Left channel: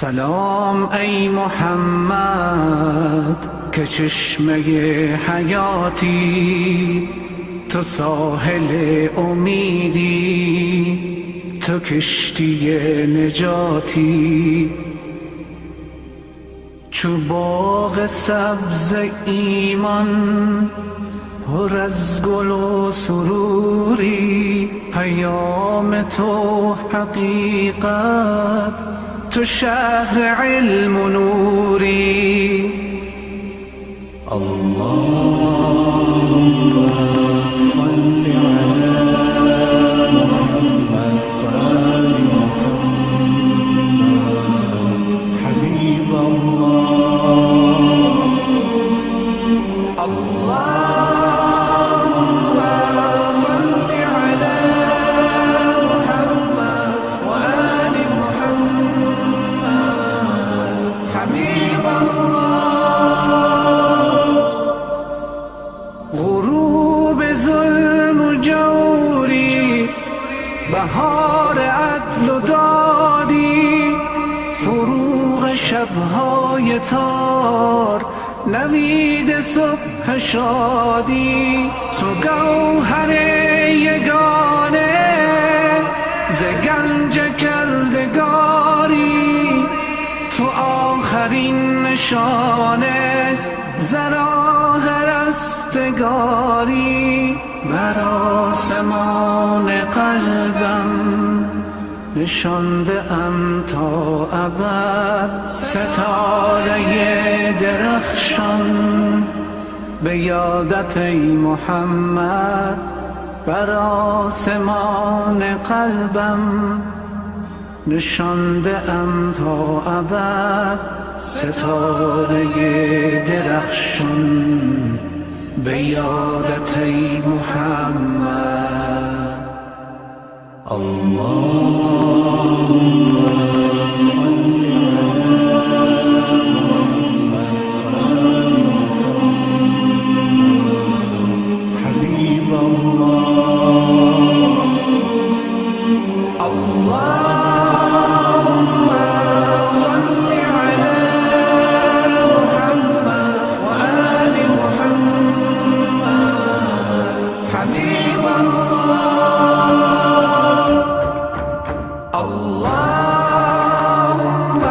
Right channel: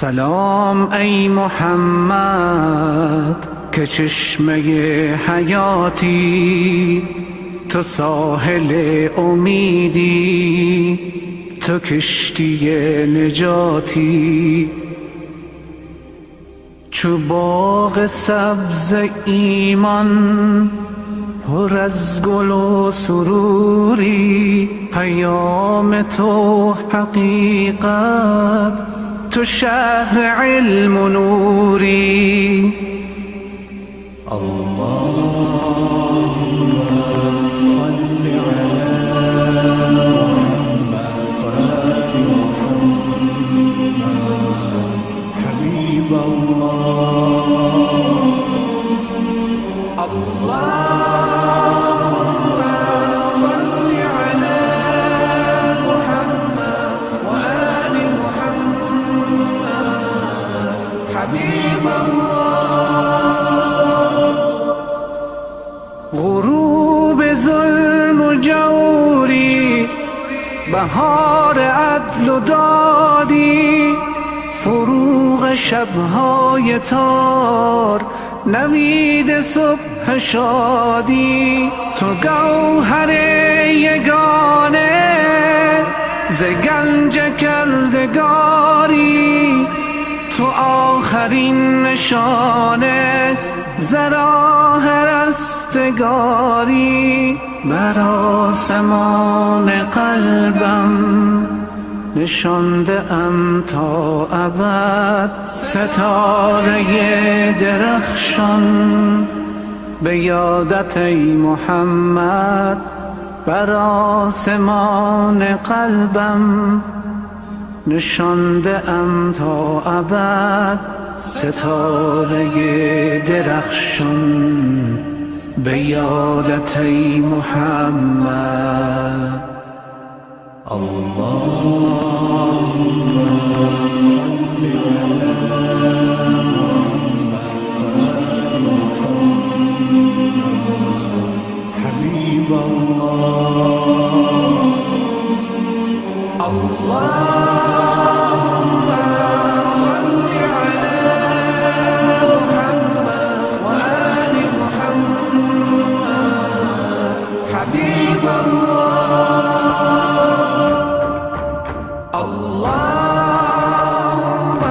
سلام ای محمد که چشمه حیاتی، تو ساحل امیدی، تو کشتی نجاتی. چو باغ سبز ایمان پر از گل و سروری، پیام تو حقیقت، تو شهر علم و نوری. اللهم صل على محمد و آل محمد حبیب الله. اللهم صل على محمد و آل محمد حبیب الله. غروب ظلم و جوری، بهار عدل و دادی، فروغ شبهای تار، نوید صبح شادی. تو گوهر یگانه ز گنج کردگاری، تو آخرین نشانه ز راه رستگاری. بر آسمان قلبم نشانده ام تا ابد، ستاره درخشان به یادت ای محمد. بر آسمان قلبم نشانده ام تا ابد، ستاره درخشان به یادت ای محمد. اللهم صل على محمد و آل محمد حبیب الله. اللهم صل على محمد و آل محمد حبیب الله. اللهم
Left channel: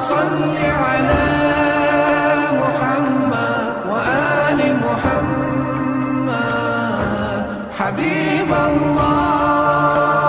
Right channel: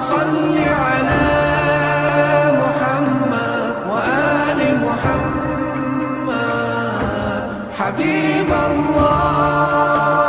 صل على محمد و آل محمد حبیب الله.